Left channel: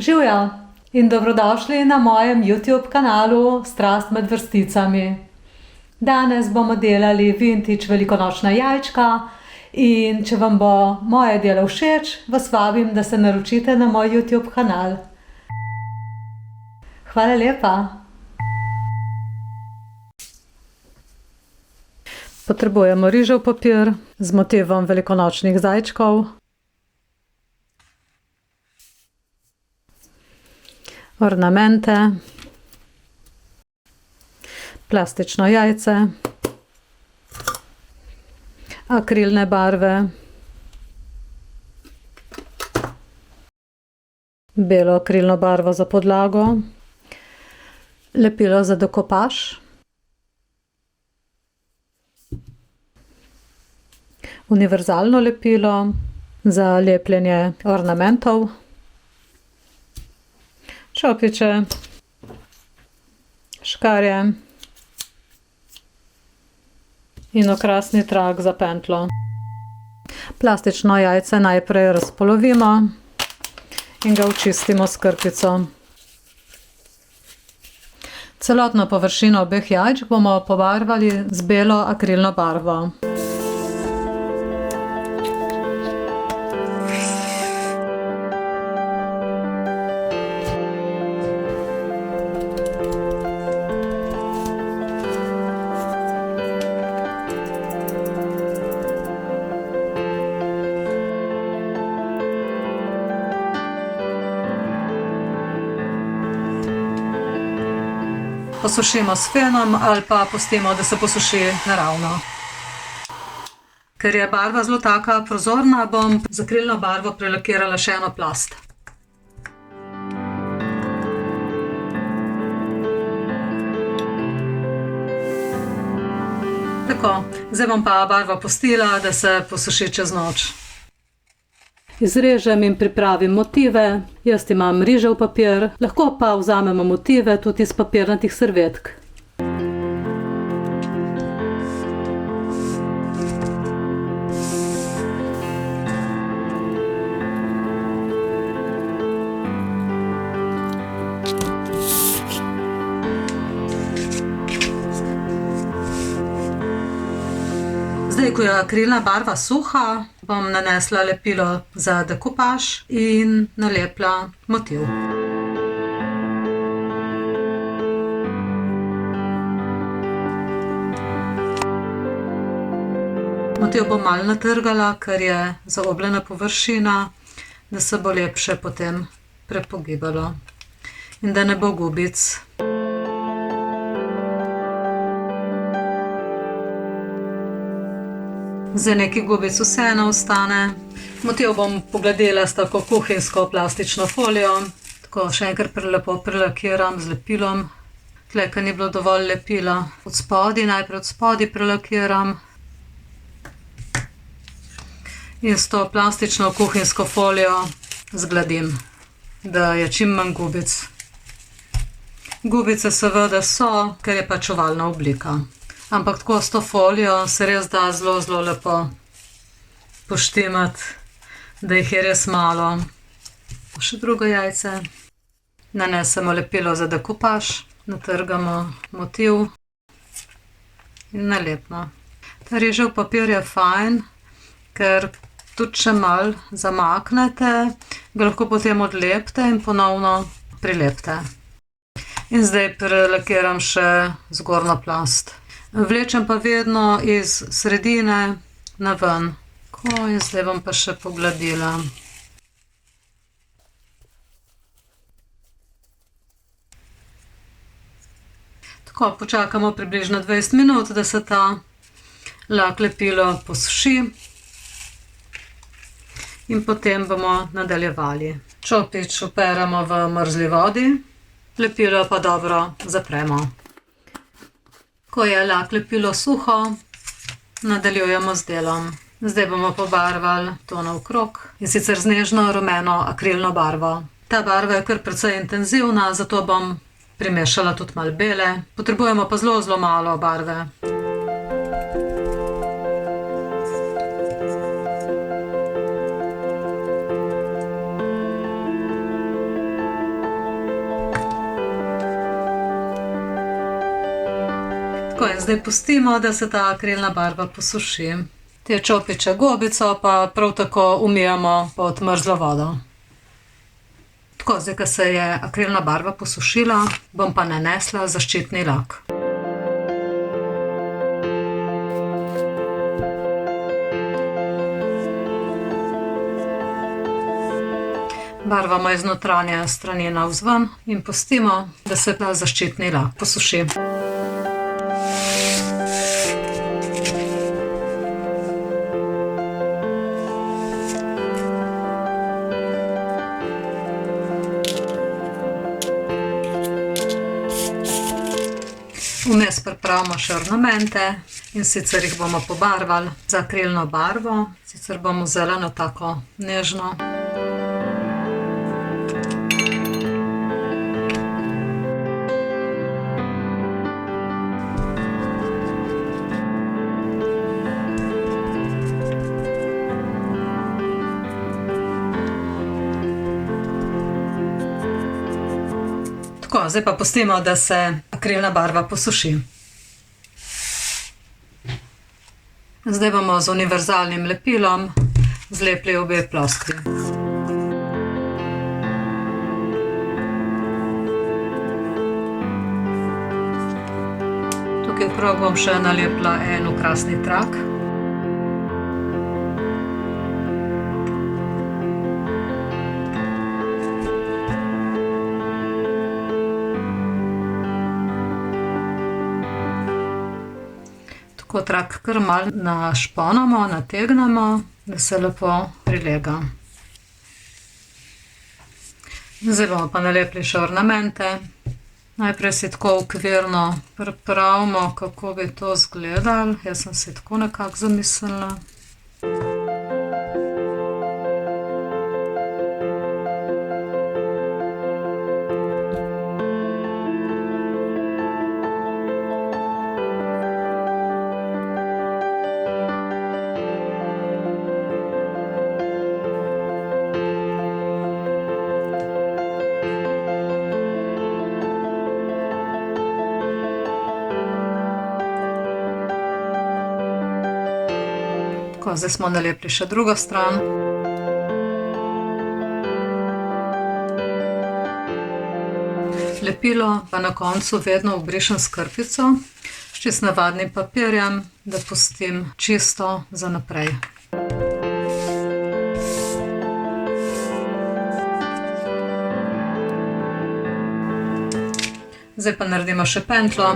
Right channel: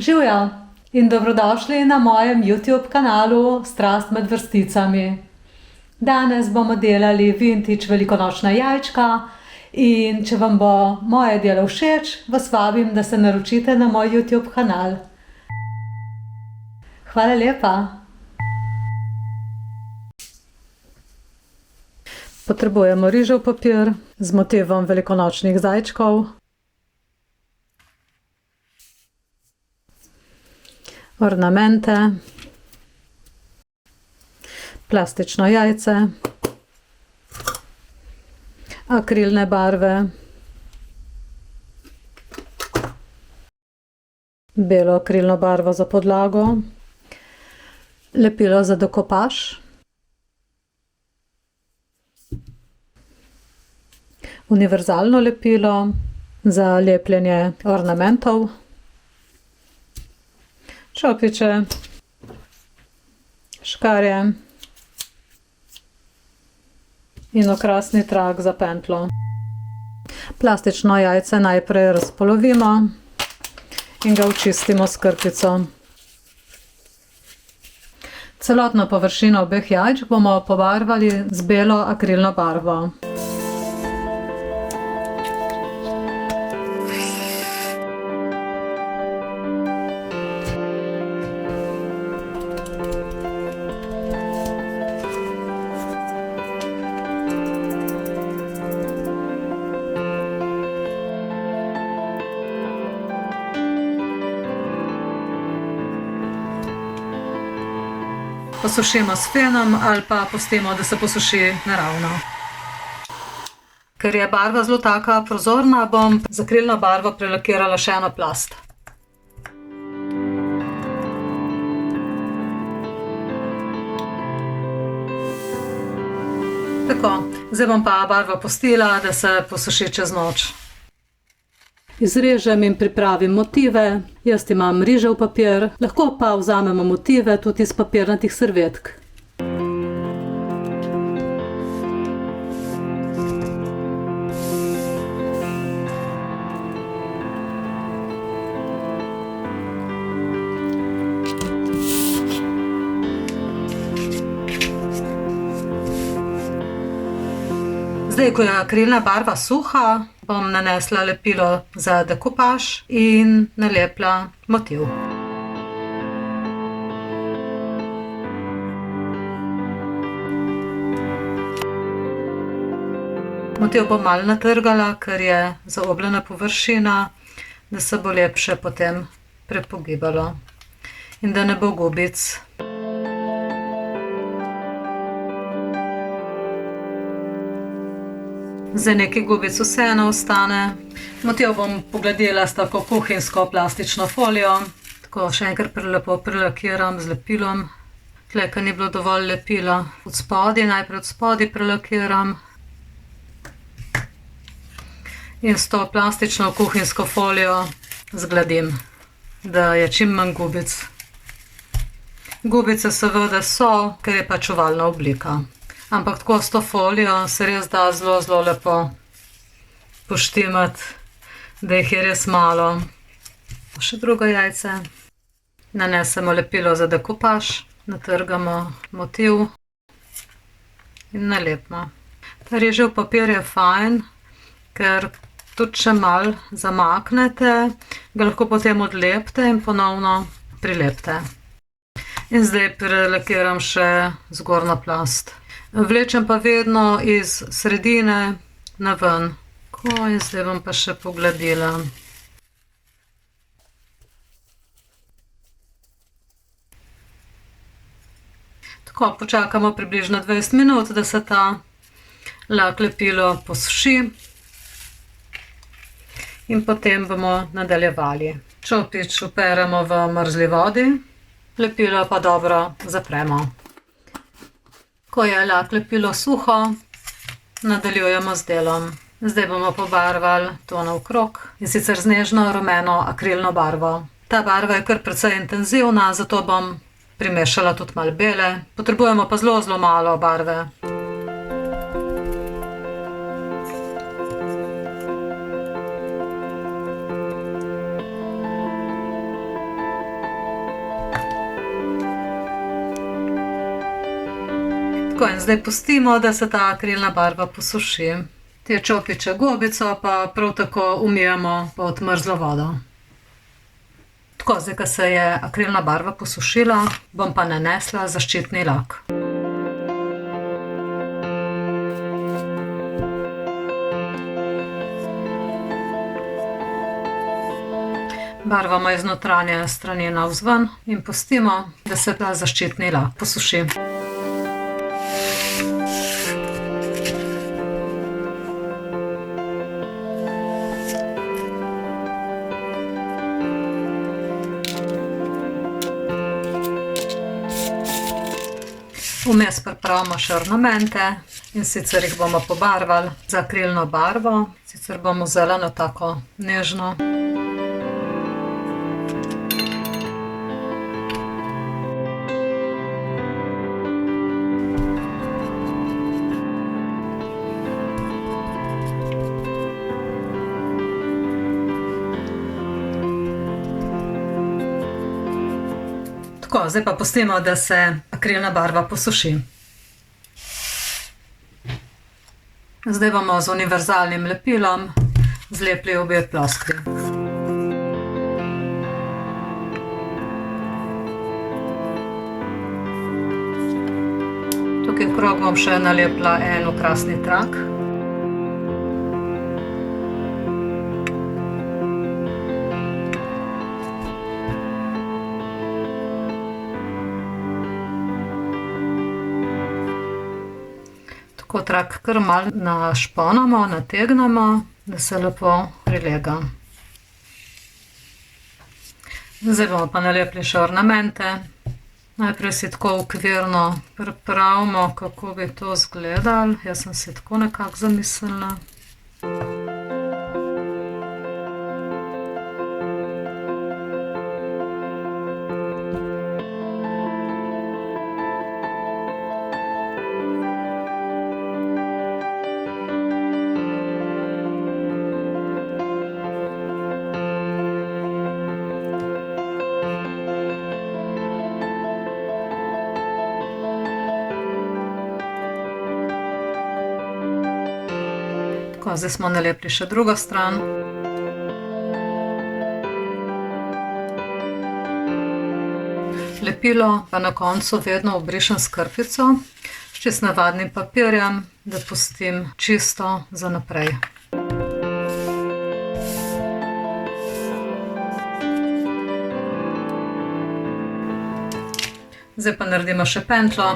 Živjo in dobrodošli na mojem YouTube kanalu Strast med vrsticami. Danes bomo delali vintage velikonočna jajčka in če vam bo moje delo všeč, vas vabim, da se naročite na moj YouTube kanal. Hvala lepa. Potrebujemo rižev papir z motivom velikonočnih zajčkov, ornamente, plastično jajce, akrilne barve, belo akrilno barvo za podlago, lepilo za dekopaž, univerzalno lepilo za lepljenje ornamentov, čopiče, škarje in okrasni trak za pentljo. Plastično jajce najprej razpolovimo in ga očistimo s krpico. Celotno površino obeh jajčk bomo pobarvali z belo akrilno barvo. Posušimo s fenom ali pa pustimo, da se posuši naravno. Ker je barva zelo taka prozorna, bom z akrilno barvo prelakirala še eno plast. Tako, zdaj bom pa barvo pustila, da se posuši čez noč. Izrežem in pripravim motive. Jaz imam rižev papir, lahko pa vzamemo motive tudi iz papirnatih servetk. Zdaj, ko je akrilna barva suha, bom nanesla lepilo za dekopaž in nalepila motiv. Motiv bom malo natrgala, ker je zaobljena površina, da se bo lepše potem prepogibalo in da ne bo gubic. Zdaj nekaj gubic vseeno ostane. Motiv bom pogladila s tako kuhinjsko plastično folijo. Tako še enkrat lepo prelakiram z lepilom. Tle, ker ni bilo dovolj lepila od spodaj, najprej od spodaj prelakiram. In s to plastično kuhinjsko folijo zgladim, da je čim manj gubic. Gubice seveda so, ker je pač ovalna oblika. Ampak tako s to folijo se res da zelo, zelo lepo poštimati, da jih je res malo. Še drugo jajce. Nanesemo lepilo za dekopaž, natrgamo motiv in nalepimo. Ta rižev papir je fajn, ker tudi če malo zamaknete, ga lahko potem odlepite in ponovno prilepite. In zdaj prelakiram še zgornjo plast. Vlečem pa vedno iz sredine na ven. Tako, in zdaj bom pa še pogladila. Tako, počakamo približno 20 minut, da se ta lak lepilo posuši. In potem bomo nadaljevali. Čopič operemo v mrzli vodi, lepilo pa dobro zapremo. Ko je lak lepilo suho, nadaljujemo z delom. Zdaj bomo pobarvali to naokrog, in sicer z nežno rumeno akrilno barvo. Ta barva je kar precej intenzivna, zato bom primešala tudi malo bele. Potrebujemo pa zelo, zelo malo barve. Tako, in zdaj pustimo, da se ta akrilna barva posuši. Te čopiče gobico pa prav tako umijemo pod mrzlo vodo. Tako, zdaj, ko se je akrilna barva posušila, bom pa nanesla zaščitni lak. Barvamo iz notranje strani navzven in pustimo, da se ta zaščitni lak posuši. Vmes pripravimo še ornamente, in sicer jih bomo pobarvali z akrilno barvo, sicer bomo vzeli eno tako nežno. Tako, zdaj pa pustimo, da se akrilna barva posuši. Zdaj bomo z univerzalnim lepilom zlepili obe ploskvi. Tukaj okrog bom še nalepila en okrasni trak. Tako trak kar malo našponamo, nategnemo, da se lepo prilega. Zdaj bomo pa nalepili še ornamente. Najprej si tako okvirno pripravimo, kako bi to izgledalo. Jaz sem si tako nekako zamislila. Tako, zdaj smo nalepili še drugo stran. Lepilo pa na koncu vedno obrišem s krpico, s čisto navadnim papirjem, da pustim čisto za naprej. Zdaj pa naredimo še pentljo.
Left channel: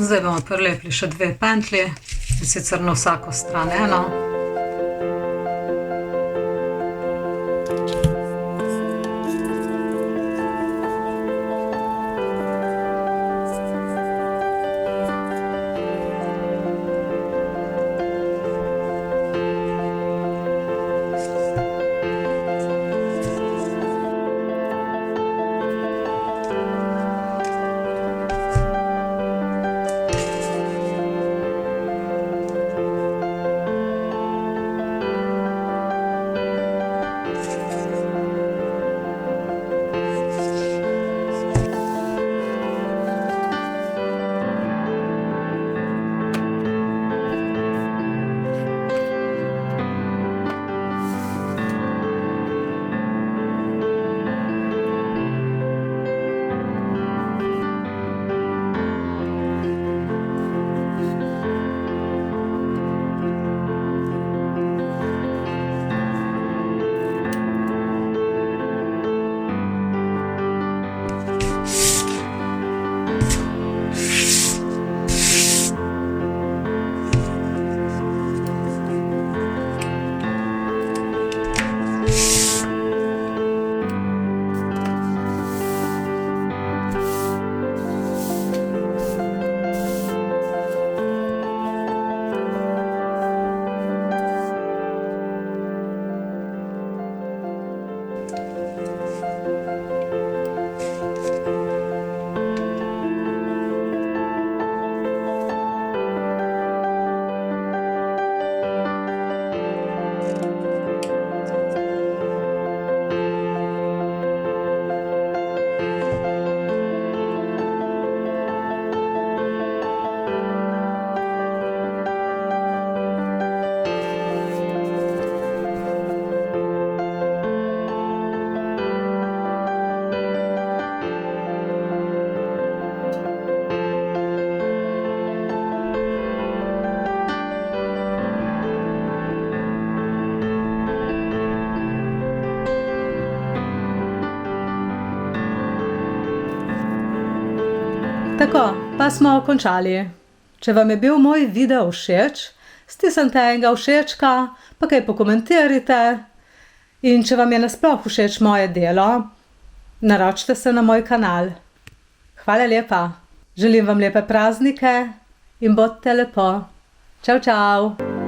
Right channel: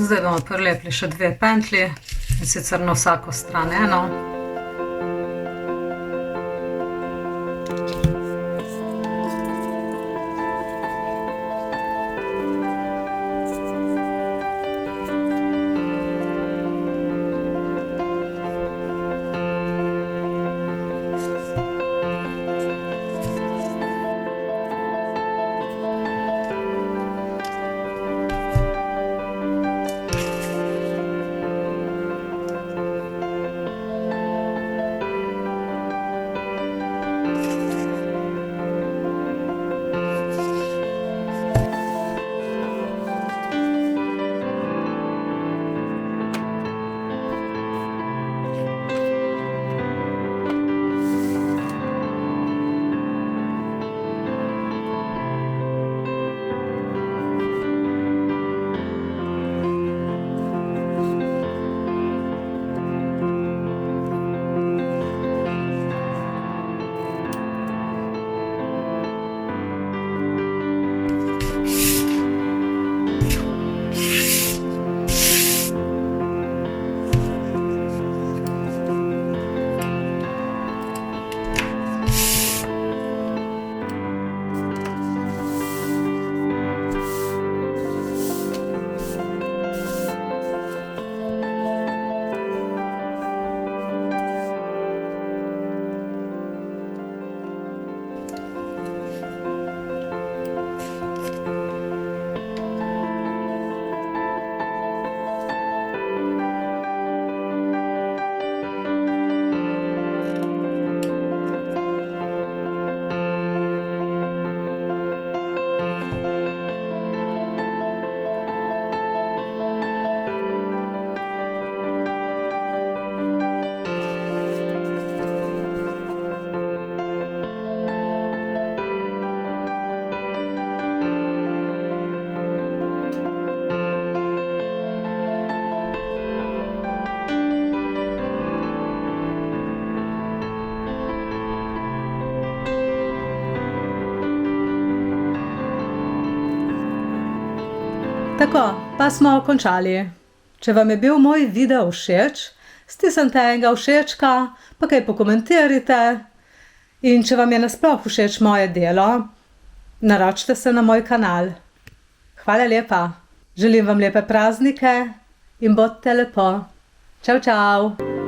Zdaj bomo prilepili še dve pentlji, in sicer na vsako stran eno. Tako, pa smo končali. Če vam je bil moj video všeč, stisnite enega všečka, pa kaj pokomentirajte. In če vam je nasploh všeč moje delo, naročite se na moj kanal. Hvala lepa. Želim vam lepe praznike in bodite lepo. Čau, čau.